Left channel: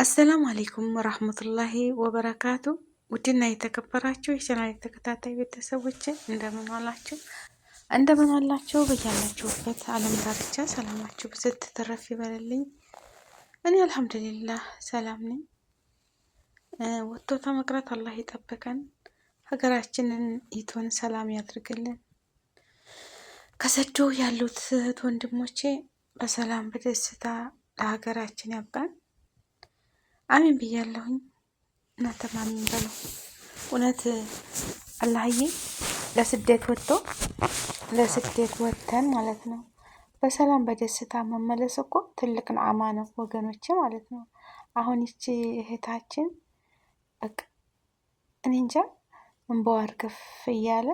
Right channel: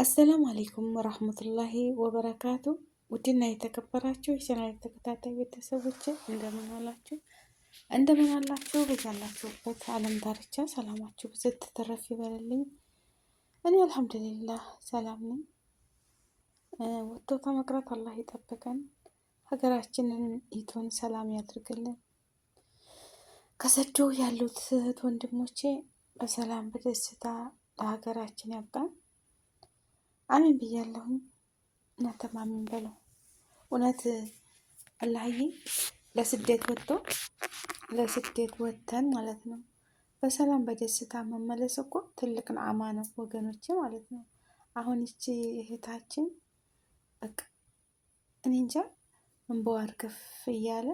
አሰላሙ አሌይኩም ወራህመቱላሂ ወበረካቱ። ውድና የተከበራችሁ የቻናሌ ተከታታይ ቤተሰቦች እንደምን ዋላችሁ? እንደምን አላችሁ? በያላችሁበት ዓለም ዳርቻ ሰላማችሁ ብዝት ተረፍ ይበልልኝ። እኔ አልሐምዱሊላህ ሰላም ነኝ። ወጥቶ ተመቅረት አላህ ይጠብቀን፣ ሀገራችንን ኢቶን ሰላም ያድርግልን። ከሰዶ ያሉት እህት ወንድሞቼ በሰላም በደስታ ለሀገራችን ያብቃን። አሚን ብያለሁኝ። እናንተም አሚን በሉ። እውነት አላህዬ ለስደት ወጥተን ማለት ነው በሰላም በደስታ መመለስ እኮ ትልቅ ነዓማ ነው ወገኖቼ ማለት ነው። አሁን ይቺ እህታችን በቃ እኔ እንጃ እንባዋ እርግፍ እያለ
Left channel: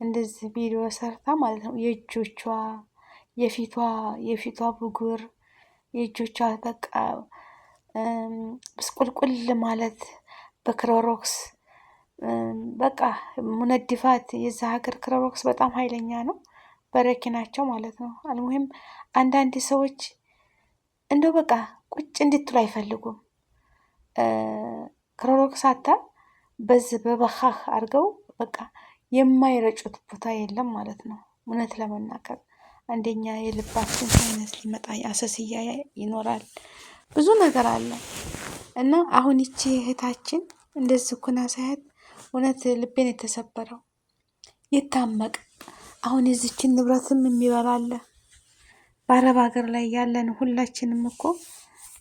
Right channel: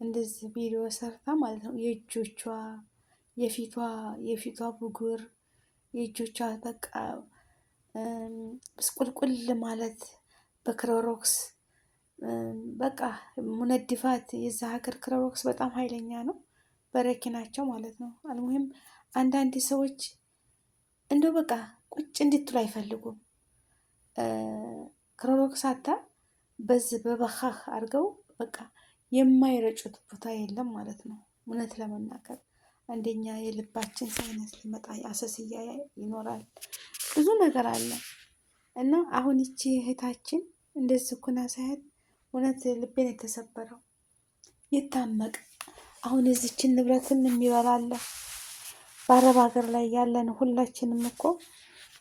እንደዚህ ቪዲዮ ሰርታ ማለት ነው የእጆቿ የፊቷ ብጉር የእጆቿ በቃ ብስቁልቁል ማለት በክሮሮክስ በቃ ሙነድፋት የዛ ሀገር ክሮሮክስ በጣም ኃይለኛ ነው። በረኪናቸው ማለት ነው። አልሙሂም አንዳንድ ሰዎች እንደው በቃ ቁጭ እንድትሉ አይፈልጉም። ክሮሮክስ አታ በዚህ በበኻህ አድርገው በቃ የማይረጩት ቦታ የለም ማለት ነው። እውነት ለመናገር አንደኛ የልባችን ሳይነስ ሊመጣ አሰስያ ይኖራል፣ ብዙ ነገር አለ እና አሁን ይቺ እህታችን እንደዚህ ኩና ሳያት እውነት ልቤን የተሰበረው ይታመቅ። አሁን የዚችን ንብረትም የሚበላለ በአረብ ሀገር ላይ ያለን ሁላችንም እኮ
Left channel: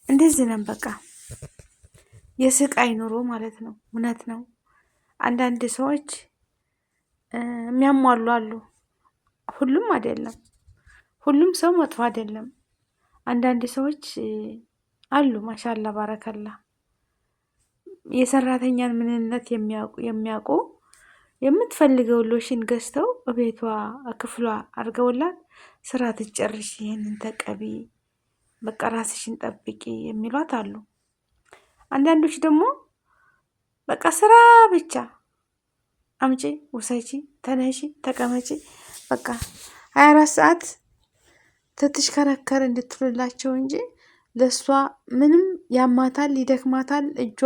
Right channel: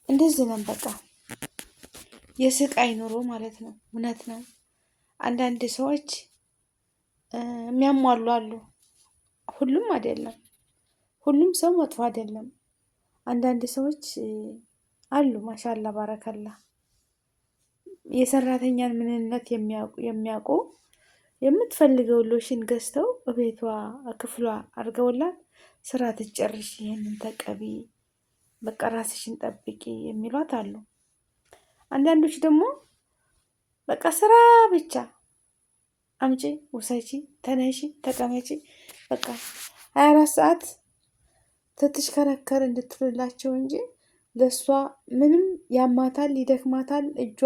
እንደዚህ ነን። በቃ የስቃይ ኑሮ ማለት ነው። እውነት ነው። አንዳንድ ሰዎች የሚያሟሉ አሉ። ሁሉም አይደለም። ሁሉም ሰው መጥፎ አይደለም። አንዳንድ ሰዎች አሉ ማሻአላ ባረከላ የሰራተኛን ምንነት የሚያውቁ የምትፈልገው ሎሽን ገዝተው በቤቷ ክፍሏ አድርገውላት ስራ ትጨርሽ፣ ይሄንን ተቀቢ፣ በቃ ራስሽን ጠብቂ የሚሏት አሉ። አንዳንዶች ደግሞ በቃ ስራ ብቻ አምጪ፣ ውሰጂ፣ ተነሺ፣ ተቀመጪ በቃ 24 ሰዓት ትትሽከረከር እንድትሉላቸው እንጂ ለሷ ምንም ያማታል፣ ይደክማታል፣ እጇ፣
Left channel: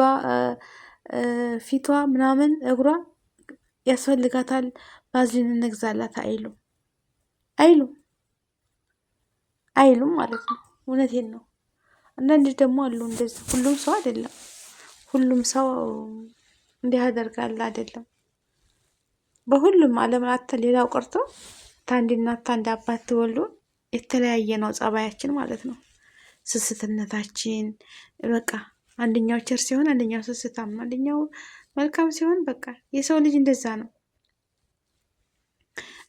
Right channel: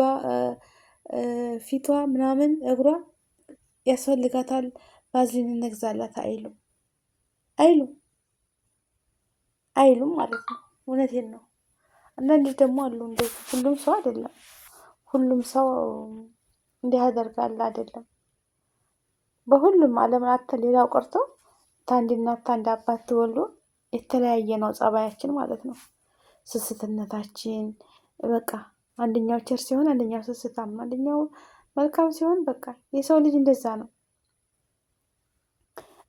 ፊቷ ምናምን እግሯ ያስፈልጋታል፣ ባዝሊን እንግዛላት አይሉም ማለት ነው። እውነቴን ነው። አንዳንድ ደግሞ አሉ እንደዚህ። ሁሉም ሰው አይደለም። ሁሉም ሰው እንዲህ ያደርጋል አይደለም። በሁሉም ዓለም ሌላው ቀርቶ ታንዲ እናት ታንዲ አባት ትወልዱ የተለያየ ነው ጸባያችን ማለት ነው። ስስትነታችን በቃ አንደኛው ቸር ሲሆን አንደኛው ስስታም፣ አንደኛው መልካም ሲሆን በቃ የሰው ልጅ እንደዛ ነው።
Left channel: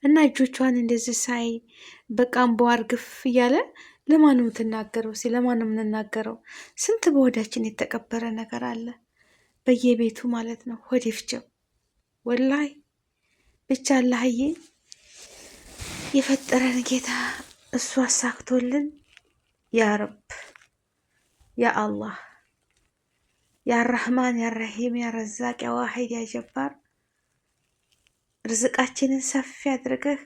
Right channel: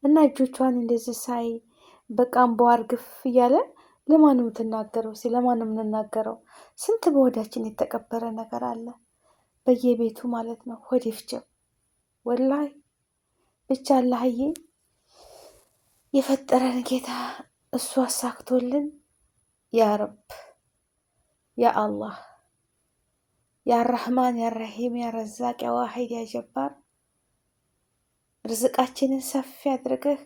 እና እጆቿን እንደዚህ ሳይ በቃ እንባዋ እርግፍ እያለ ለማን ነው የምትናገረው? ለማን ነው የምንናገረው? ስንት በሆዳችን የተቀበረ ነገር አለ በየቤቱ ማለት ነው። ሆድ ይፍጀው ወላሂ። ብቻ አላህዬ የፈጠረን ጌታ እሱ አሳክቶልን ያ ረብ ያ አላህ ያ ረህማን ያ ረሂም ያ ረዛቅ ያ ዋሂድ ያ ጀባር ርዝቃችንን ሰፊ አድርገህ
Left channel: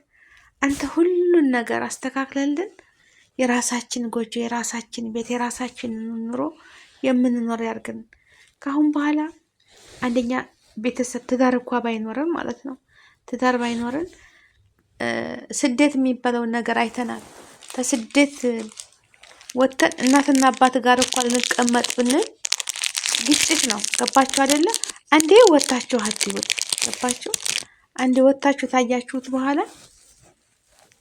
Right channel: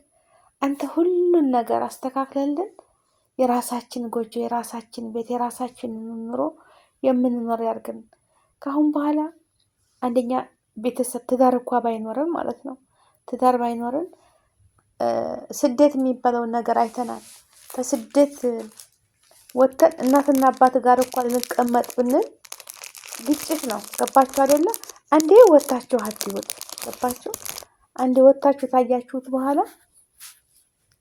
አንተ ሁሉን ነገር አስተካክለልን የራሳችን ጎጆ፣ የራሳችን ቤት፣ የራሳችንን ኑሮ የምንኖር ያርግን። ካሁን በኋላ አንደኛ ቤተሰብ ትዳር እንኳ ባይኖረን ማለት ነው፣ ትዳር ባይኖረን ስደት የሚባለውን ነገር አይተናል። ከስደት ወጥተን እናትና አባት ጋር እኮ ልንቀመጥ ብንል ግጭት ነው። ገባችሁ አይደለ? አንዴ ወጣችሁ አትይወጥ። ገባችሁ? አንዴ ወጣችሁ ታያችሁት በኋላ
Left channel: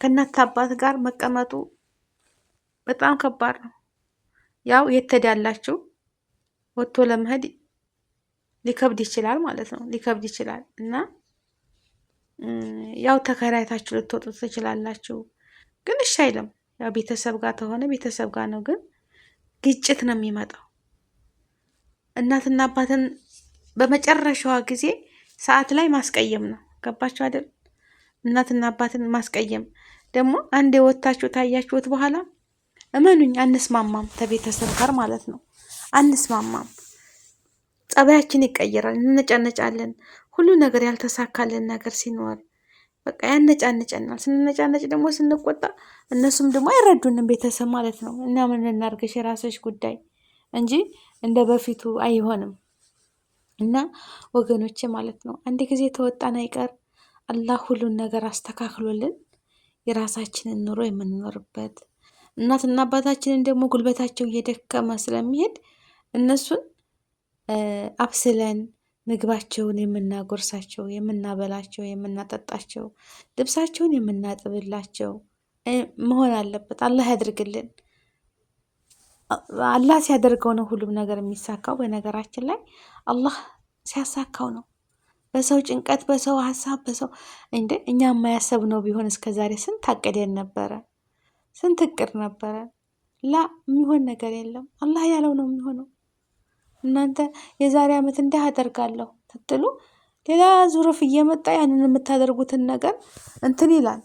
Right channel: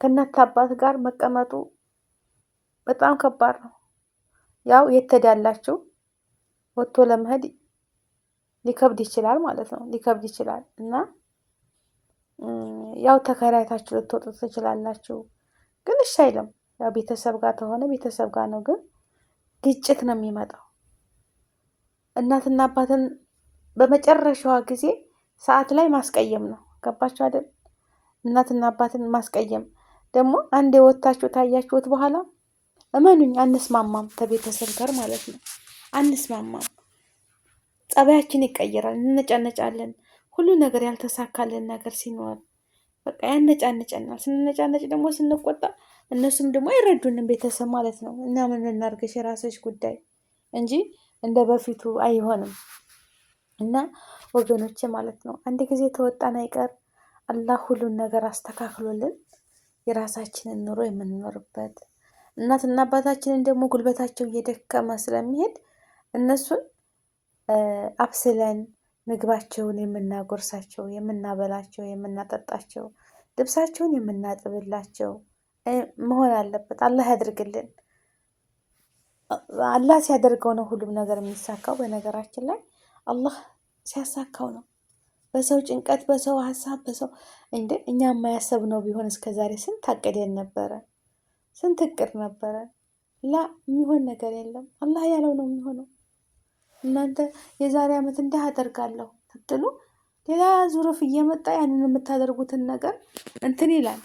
ከእናት አባት ጋር መቀመጡ በጣም ከባድ ነው። ያው የተዳላችሁ ወጥቶ ለመሄድ ሊከብድ ይችላል ማለት ነው። ሊከብድ ይችላል እና ያው ተከራይታችሁ ልትወጡ ትችላላችሁ። ግን እሺ አይልም። ያው ቤተሰብ ጋር ተሆነ ቤተሰብ ጋር ነው። ግን ግጭት ነው የሚመጣው። እናትና አባትን በመጨረሻዋ ጊዜ ሰዓት ላይ ማስቀየም ነው። ገባችሁ አይደል? እናትና አባትን ማስቀየም ደግሞ አንዴ ወታችሁ ታያችሁት በኋላ እመኑኝ አንስማማም፣ ከቤተሰብ ጋር ማለት ነው አንስማማም። ጸባያችን ይቀየራል፣ እንነጫነጫለን። ሁሉ ነገር ያልተሳካልን ነገር ሲኖር በቃ ያነጫንጨናል። ስንነጫነጭ ደግሞ ስንቆጣ እነሱም ደግሞ አይረዱንም ቤተሰብ ማለት ነው። እና ምን እናርግሽ የራስሽ ጉዳይ እንጂ እንደ በፊቱ አይሆንም። እና ወገኖቼ ማለት ነው አንድ ጊዜ ተወጣን አይቀር አላህ ሁሉን ነገር አስተካክሎልን የራሳችንን ኑሮ የምንኖርበት እናትና አባታችንን ደግሞ ጉልበታቸው እየደከመ ስለሚሄድ እነሱን አብስለን ምግባቸውን የምናጎርሳቸው፣ የምናበላቸው፣ የምናጠጣቸው፣ ልብሳቸውን የምናጥብላቸው መሆን አለበት። አላህ ያድርግልን። አላህ ሲያደርገው ነው ሁሉም ነገር የሚሳካው። በነገራችን ላይ አላህ ሲያሳካው ነው። በሰው ጭንቀት፣ በሰው ሀሳብ፣ በሰው እኛ የማያሰብነው ቢሆን እስከዛሬ ስንት አቅደን ነበረ፣ ስንት እቅድ ነበረ። ላ የሚሆን ነገር የለም። አላህ ያለው ነው የሚሆነው። እናንተ የዛሬ ዓመት እንዲህ አደርጋለሁ ትትሉ ሌላ ዙሩፍ እየመጣ ያንን የምታደርጉትን ነገር እንትን ይላል።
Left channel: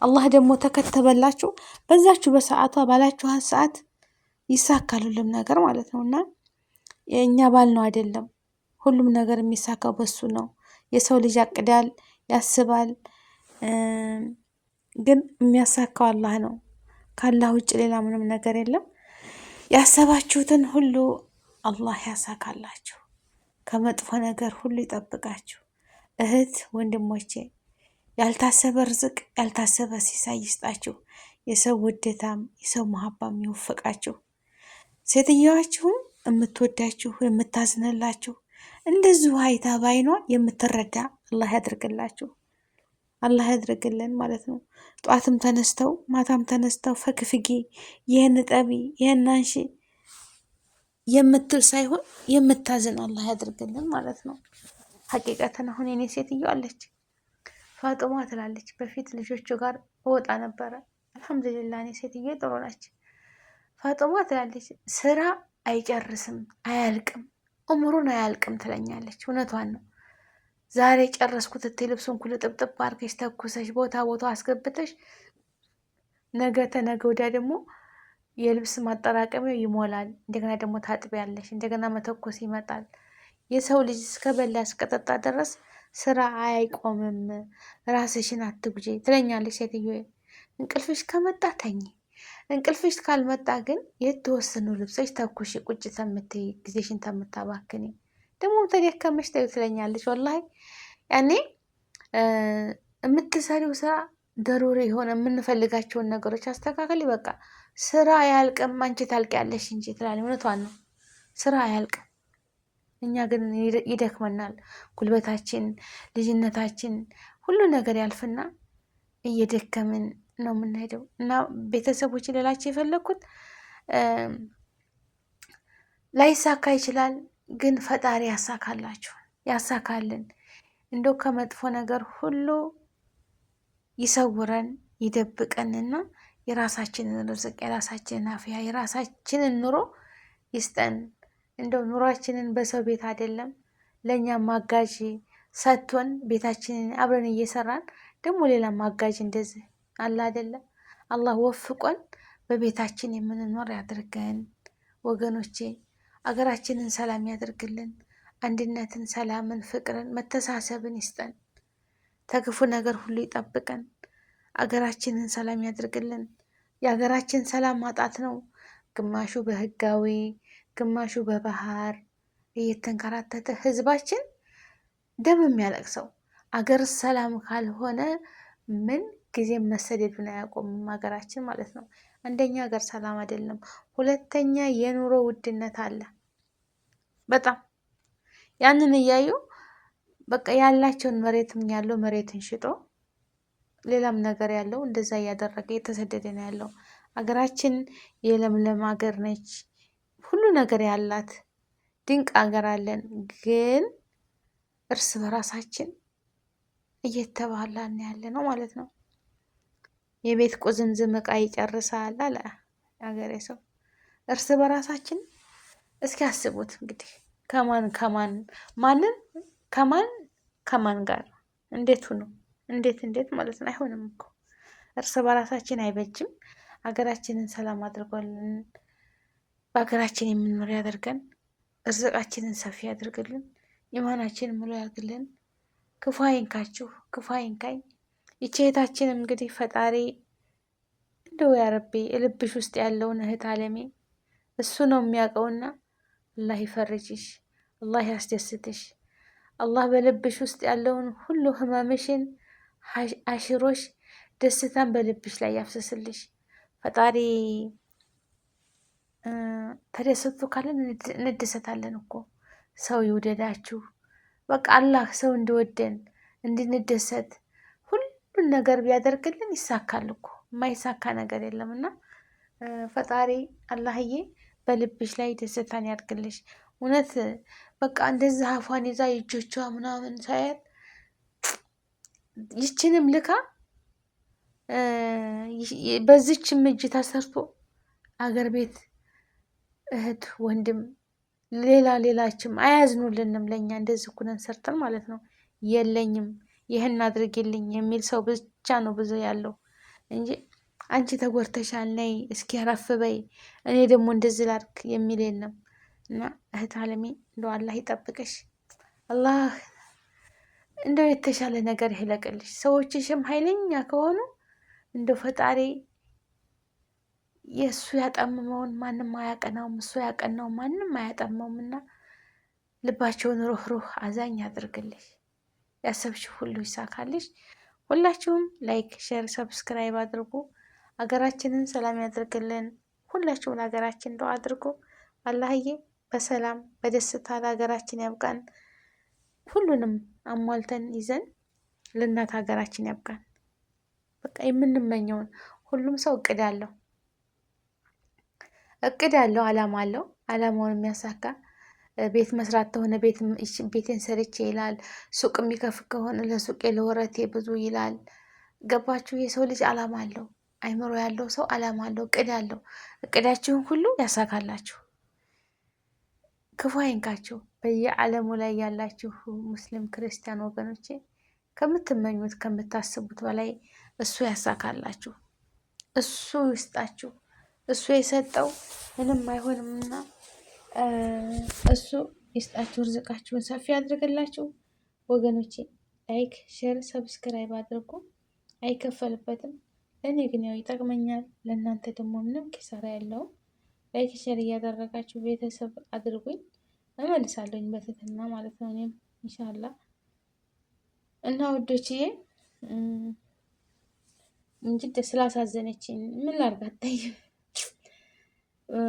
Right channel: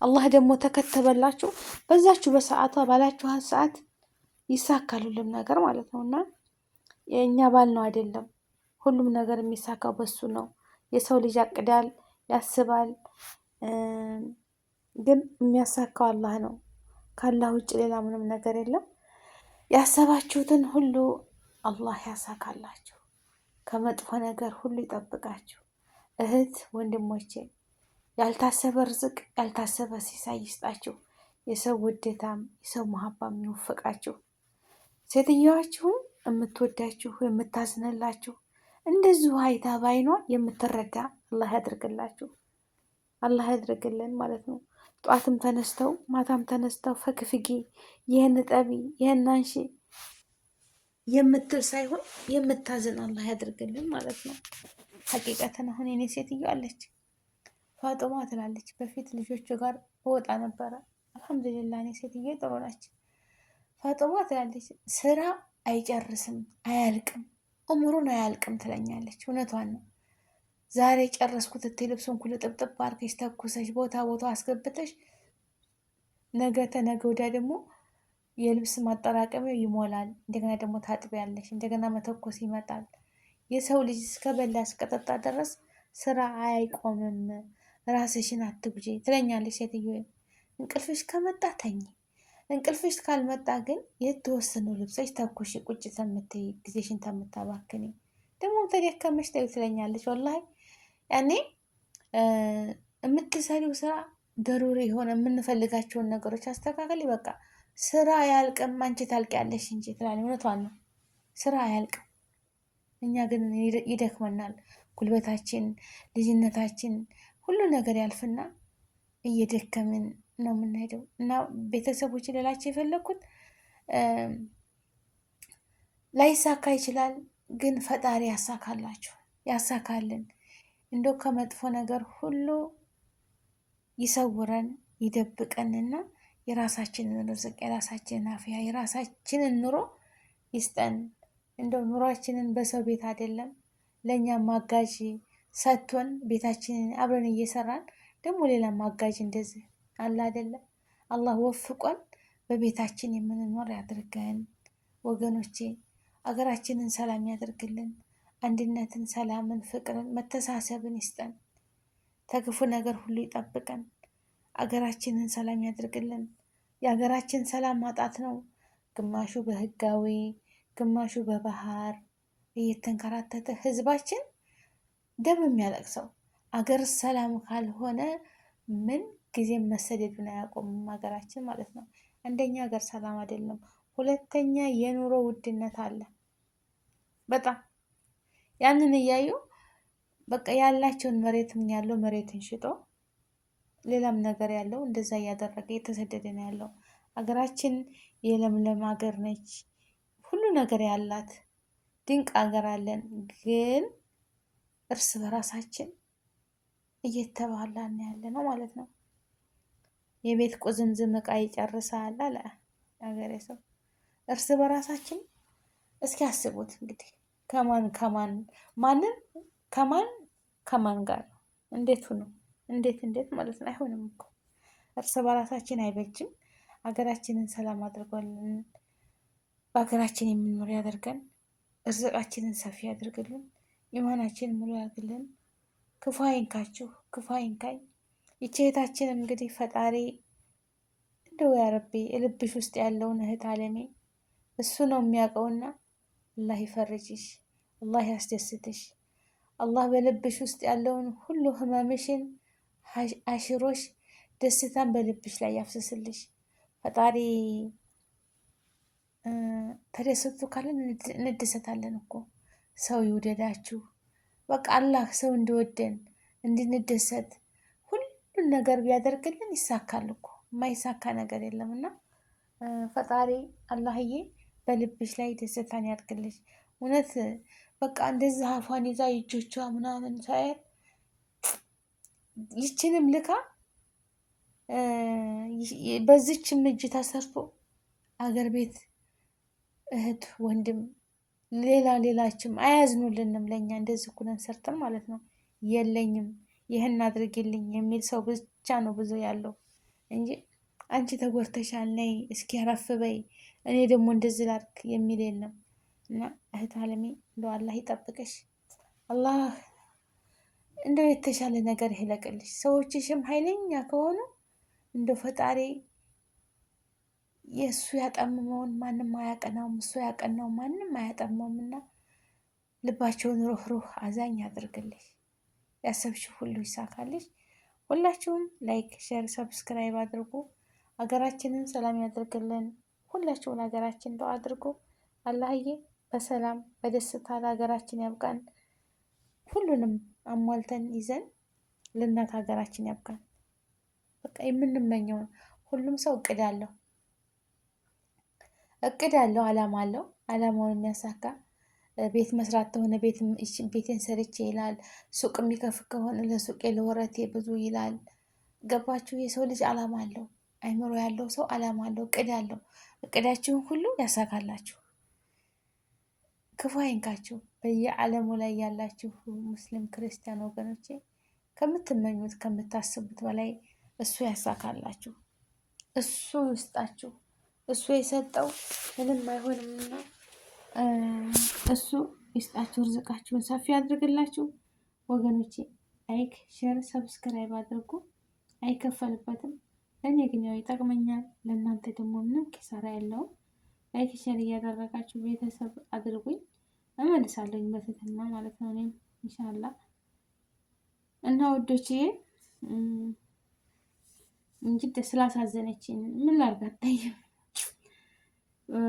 አላህ ደግሞ ተከተበላችሁ በዛችሁ በሰዓቷ ባላችኋት ሰዓት ይሳካል ሁሉም ነገር ማለት ነው። እና የእኛ ባል ነው አይደለም፣ ሁሉም ነገር የሚሳካው በሱ ነው። የሰው ልጅ ያቅዳል፣ ያስባል፣ ግን የሚያሳካው አላህ ነው። ካላህ ውጭ ሌላ ምንም ነገር የለም። ያሰባችሁትን ሁሉ አላህ ያሳካላችሁ፣ ከመጥፎ ነገር ሁሉ ይጠብቃችሁ። እህት ወንድሞቼ፣ ያልታሰበ ርዝቅ ያልታሰበ ሲሳይ ይስጣችሁ። የሰው ውዴታም የሰው መሀባም ይወፍቃችሁ። ሴትየዋችሁን የምትወዳችሁ የምታዝነላችሁ እንደዚሁ አይታ ባይኗ የምትረዳ አላህ ያድርግላችሁ። አላህ ያድርግልን ማለት ነው። ጧትም ተነስተው ማታም ተነስተው ፈክፍጊ፣ ይህን ጠቢ፣ ይህን አንሺ የምትል ሳይሆን የምታዝን አላህ ያድርግልን ማለት ነው። ሀቂቀትን አሁን የኔ ሴትዮ አለች ፋጥማ ትላለች። በፊት ልጆቹ ጋር እወጣ ነበረ። አልሐምዱሊላህ እኔ ሴትዮ ጥሩ ነች። ፋጥማ ትላለች ስራ አይጨርስም አያልቅም፣ እምሩን አያልቅም ትለኛለች። እውነቷን ነው። ዛሬ ጨረስኩት እቴ ልብሱን ኩል ጥብጥብ አድርገሽ ተኩሰሽ ቦታ አስገብተሽ ነገ ተነገ ወዲያ ደግሞ የልብስ ማጠራቀሚያው ይሞላል። እንደገና ደግሞ ታጥቢያለሽ፣ እንደገና መተኮስ ይመጣል። የሰው ልጅ እስከበላ እስከጠጣ ድረስ ስራ አይቆምም። ራስሽን አትጉጂ ትለኛለች ሴትዮ። እንቅልፍሽ ከመጣ ተኝ፣ እንቅልፍሽ ካልመጣ ግን የተወሰኑ ልብሶች ተኩሽ ቁጭ ተምትይ ጊዜሽን ተምታባክኒ ደግሞ ተደከመሽ ተይው ትለኛለች። ወላሂ ያኔ የምትሰሪው ስራ ደሩሪ የሆነ የምንፈልጋቸውን ነገሮች አስተካከል። በቃ ስራ አያልቅም፣ አንቺ ታልቂያለሽ እንጂ ትላለች። እውነቷን ነው። ስራ አያልቅም። እኛ ግን ይደክመናል። ጉልበታችን፣ ልጅነታችን ሁሉ ነገር ያልፍና እየደከምን ነው የምንሄደው። እና ቤተሰቦች ሌላቸው የፈለግኩት ላይሳካ ይችላል፣ ግን ፈጣሪ ያሳካላችሁ፣ ያሳካልን። እንደው ከመጥፎ ነገር ሁሉ ይሰውረን ይደብቀንና የራሳችንን ርዝቅ፣ የራሳችንን አፍያ፣ የራሳችንን ኑሮ ይስጠን። እንደው ኑሯችንን በሰው ቤት አይደለም ለእኛ ማጋዥ ሰጥቶን ቤታችንን አብረን እየሰራን ደግሞ ሌላ ማጋዥ እንደዚህ አለ አይደለም። አላህ ወፍቆን በቤታችን የምንኖር ያድርገን። ወገኖቼ አገራችንን ሰላም ያድርግልን። አንድነትን፣ ሰላምን፣ ፍቅርን፣ መተሳሰብን ይስጠን። ተክፉ ነገር ሁሉ ይጠብቀን። አገራችንን ሰላም ያድርግልን። የሀገራችን ሰላም ማጣት ነው። ግማሹ በህጋዊ ግማሹ በባህር እየተንከራተተ ህዝባችን ደም የሚያለቅሰው። አገር ሰላም ካልሆነ ምን ጊዜም መሰደዱን አያቆምም ሀገራችን ማለት ነው። አንደኛ ሀገር ሰላም አይደለም፣ ሁለተኛ የኑሮ ውድነት አለ በጣም። ያንን እያዩ በቃ ያላቸውን መሬትም ያለው መሬትን ሽጦ ሌላም ነገር ያለው እንደዛ እያደረገ የተሰደደ ነው ያለው። ሀገራችን የለምለም ሀገር ነች፣ ሁሉ ነገር ያላት ድንቅ ሀገር አለን። ግን እርስ በራሳችን እየተባላን ያለ ነው ማለት ነው። የቤት ቁዝምዝም እቃ ይጨርሳል አለ ሀገሬ ሰው። እርስ በራሳችን እስኪ አስቡት እንግዲህ ከማን ጋር እንዴት ሁኑ እንዴት ማለት ነው። አይሆንም እኮ እርስ በራሳችን አይበጅም። ሀገራችንን ሰላም አድርጓልን። በሀገራችን የምንኖር ያደርገን። እርዝቃችንን ሰፊ ያድርግልን። ኢማናችንን ሙሉ ያድርግልን። ክፉ አይንካችሁ፣ ክፉ አይንካኝ። ይቺ እህታችንም እንግዲህ ፈጣሪ እንደው ያረቢ ልብሽ ውስጥ ያለውን እህት አለሜ እሱ ነው የሚያውቀውና አላህ ይፈርጅሽ፣ አላህ ያስደስትሽ። አላህ በልብሽ ውስጥ ያለውን ሁሉ ህመምሽን አሽሮሽ ደስታን በልብሽ ላይ ያፍስስልሽ። ፈጣሪ ተደሰቱ ካለን እንደሰታለን እኮ። ሰው ይውደዳችሁ። በቃ አላህ ሰው እንዲወደን እንድንደሰት ሁሉን ነገር ቢያደርግልን ይሳካል እኮ። የማይሳካ ነገር የለም። እና ፈጣሪ አላህዬ በልብሽ ላይ ደስታን ያድርግልሽ። እውነት በቃ እንደዚህ አፏን ይዛ እጆቿ ምናምን ሳያት ይችንም ልካ በዚችም እጅ ተሰርቶ አገር ቤት እህት ወንድም ሌላችም አያዝኑልንም። ለእኛ እንደዚህ ኩነን ሰርተን ማለት ነው። የለኝም ይህን አድርግልኝ የሚል ሰው ብቻ ነው ብዙ ያለው እንጂ አንቺ ተጎድተሻል ነይ እስኪ ረፍ በይ እኔ ደግሞ እንደዚህ ላድርግ የሚል የለም። እና እህት አለሜ እንደው አላህ ይጠብቅሽ። አላህ እንደው የተሻለ ነገር ይለቅልሽ። ሰዎችሽም ኃይለኛ ከሆኑ እንደው ፈጣሪ የእሱ ያጠምመውን ማንም አያቀናውም፣ እሱ ያቀናው ማንም አያጠመውም። እና ልባቸውን ሩህሩህ አዛኝ ያድርግልሽ። ያሰብሽ ሁሉ ይሳካልሽ። ሁላችሁም ላይክ፣ ሼር፣ ሰብስክራይብ አድርጉ። አገራችንን ሰላም ያድርግልን። ሁላችሁም ለሀገራችን ዱአ አድርጉ። አላህዬ በሰላም በደስታ ለሀገራችን ያብቃን። ሁሉንም አሟልተን ይዘን ለእናት ሀገራችን ያብቃን። በቃ የምንመኘውን ሁሉም ሰው እቅድ አለው፣ አላማ አለው። አላማውን የሚያሳካ ቤት መስራት ከሆነ ቤቴን ሰርቼ ይላል። ሱቅ የሚከፍት ከሆነ ለሱቄ ለወረቴ ብዙ ይላል። ገባችሁ? የሰው ልጅ አላማ አለው። አይምሮ ያለው ሰው አላማ አለው፣ እቅድ አለው። እቅዳችሁን ሁሉ ያሳካላችሁ፣ ክፉ አይንካችሁ። በየዓለሙ ላይ ያላችሁ ሙስሊም ክርስቲያን ወገኖቼ ከምትመኙት ከምታስቡት በላይ እሱ ያሳካላችሁ፣ እሱ ይስጣችሁ። እሱ የሰጠው ምንም አይሆንምና እሱ ይስጣችሁ፣ ርዝቃችሁን ሰፊ ያድርግላችሁ። ወገኖቼ ላይክ፣ ሼር፣ ሰብስክራይብ አድርጉ። አይከፈልበትም። ለእኔ ግን ያው ይጠቅመኛል። ለእናንተ ደግሞ ምንም ኪሳራ የለውም። ላይክ ሼር እያደረጋችሁ ቤተሰብ አድርጉኝ። እመልሳለሁኝ በትህትና ማለት ነው። እኔም ኢንሻአላህ እና ወዶችዬ እንጂ ስላሳዘነችኝ ምን ላርጋት? ታይም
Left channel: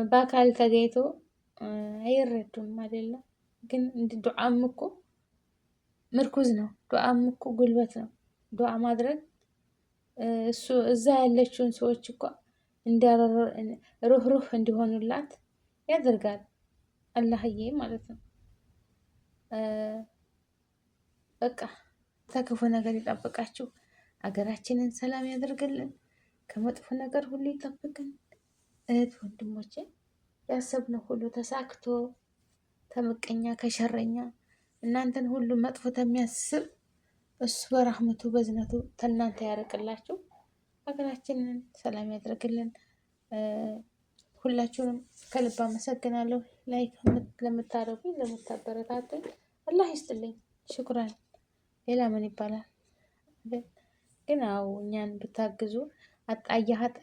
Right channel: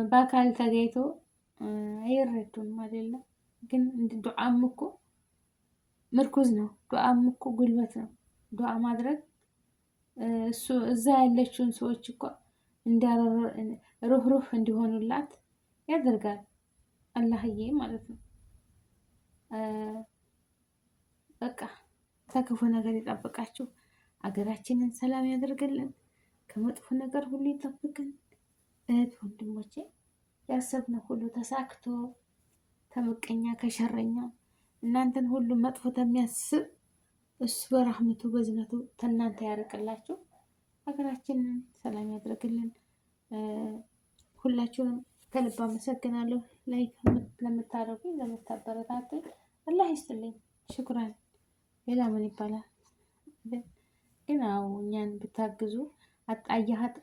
በአካል ተገኝቶ አይረዱም አይደለም። ግን ዱዓም እኮ ምርኩዝ ነው። ዱዓም እኮ ጉልበት ነው። ዱዓ ማድረግ እሱ እዛ ያለችውን ሰዎች እኮ ሩህሩህ እንዲሆኑላት ያደርጋል። አላህዬ ማለት ነው። በቃ ከክፉ ነገር ይጠብቃችሁ። ሀገራችንን ሰላም ያደርግልን። ከመጥፎ ነገር ሁሉ ይጠብቅን። እህት ወንድሞቼ ያሰብነው ሁሉ ተሳክቶ ተመቀኛ ከሸረኛ እናንተን ሁሉ መጥፎ ተሚያስብ እሱ በራህመቱ በዝነቱ ተናንተ ያርቅላችሁ። ሀገራችንን ሰላም ያደርግልን። ሁላችሁንም ከልብ አመሰግናለሁ። ላይክ ለምታደርጉኝ ለምታበረታቱኝ አላህ ይስጥልኝ። ሽኩራን። ሌላ ምን ይባላል? ግን አዎ እኛን ብታግዙ።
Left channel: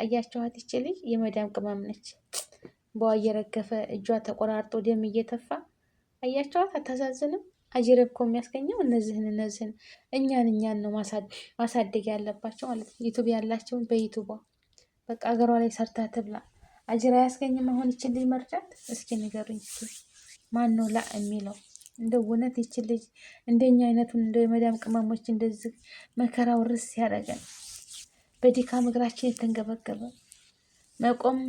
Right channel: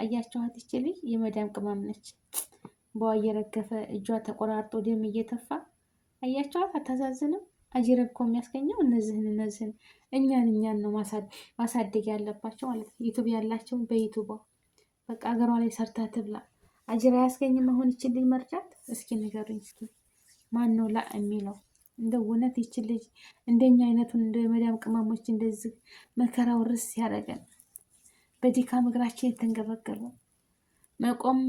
አያችኋት? ይች ልጅ የመዳም ቅመም ነች። በዋ እየረገፈ እጇ ተቆራርጦ ደም እየተፋ አያችኋት? አታሳዝንም? አጅር እኮ የሚያስገኘው እነዚህን እኛን ነው ማሳደግ ያለባቸው ማለት ነው። ዩቱብ ያላቸውን በዩቱቧ በቃ ሀገሯ ላይ ሰርታ ትብላ። አጅር አያስገኝም? አሁን ይችን ልጅ መርዳት እስኪ ንገሩኝ። ማን ነው ላ የሚለው? እንደ እውነት ይችን ልጅ እንደኛ አይነቱን እንደ የመዳም ቅመሞች እንደዚህ መከራው ርስ ያደረገን በድካም እግራችን የተንገበገበ መቆም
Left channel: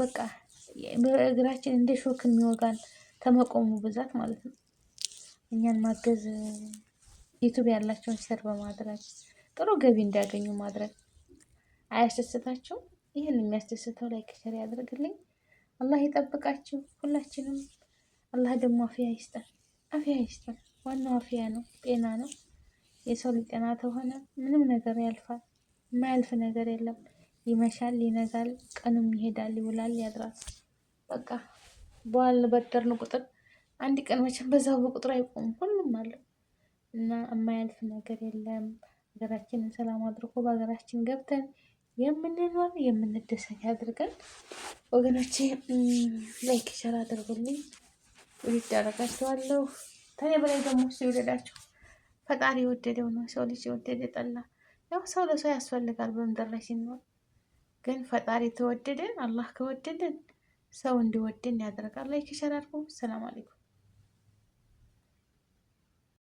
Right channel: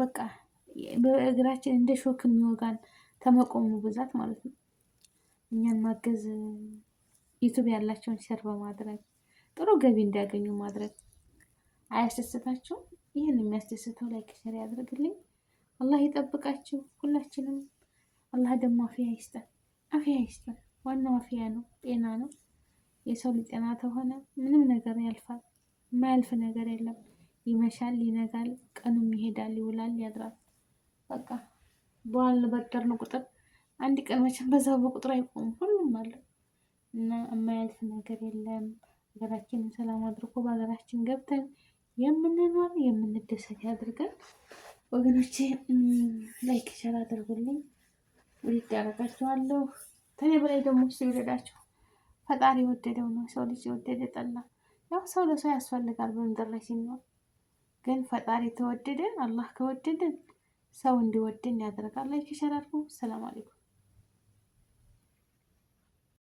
በቃ እግራችን እንደ ሾክ የሚወጋን ተመቆሙ ብዛት ማለት ነው። እኛን ማገዝ ዩቱብ ያላቸውን ሸር በማድረግ ጥሩ ገቢ እንዲያገኙ ማድረግ አያስደስታችሁም? ይህን የሚያስደስተው ላይክ ሸር ያደርግልኝ። አላህ ይጠብቃችሁ ሁላችንም። አላህ ደግሞ አፍያ ይስጠን፣ አፍያ ይስጠን። ዋናው አፍያ ነው፣ ጤና ነው። የሰው ልጅ ጤና ተሆነ ምንም ነገር ያልፋል። የማያልፍ ነገር የለም። ይመሻል፣ ይነጋል፣ ቀኑም ይሄዳል፣ ይውላል፣ ያድራል። በቃ በዋልን በጠርን ቁጥር አንድ ቀን መቼም በዛው በቁጥር አይቆምም። ሁሉም አለው እና የማያልፍ ነገር የለም። ሀገራችንን ሰላም አድርጎ በሀገራችን ገብተን የምንኖር የምንደሰት ያድርገን። ወገኖቼ ላይክ ሸር አድርጉልኝ። ውድድ ያደርጋችኋለሁ። ከኔ በላይ ደግሞ እሱ ይውደዳችሁ። ፈጣሪ የወደደው ነው። ሰው ልጅ የወደደ ጠላ። ያው ሰው ለሰው ያስፈልጋል በምድር ላይ ሲኖር። ግን ፈጣሪ ተወደደን፣ አላህ ከወደደን ሰው እንዲወደን ያደርጋል። ላይክ ሸር አድርጉ። ሰላም አለይኩም።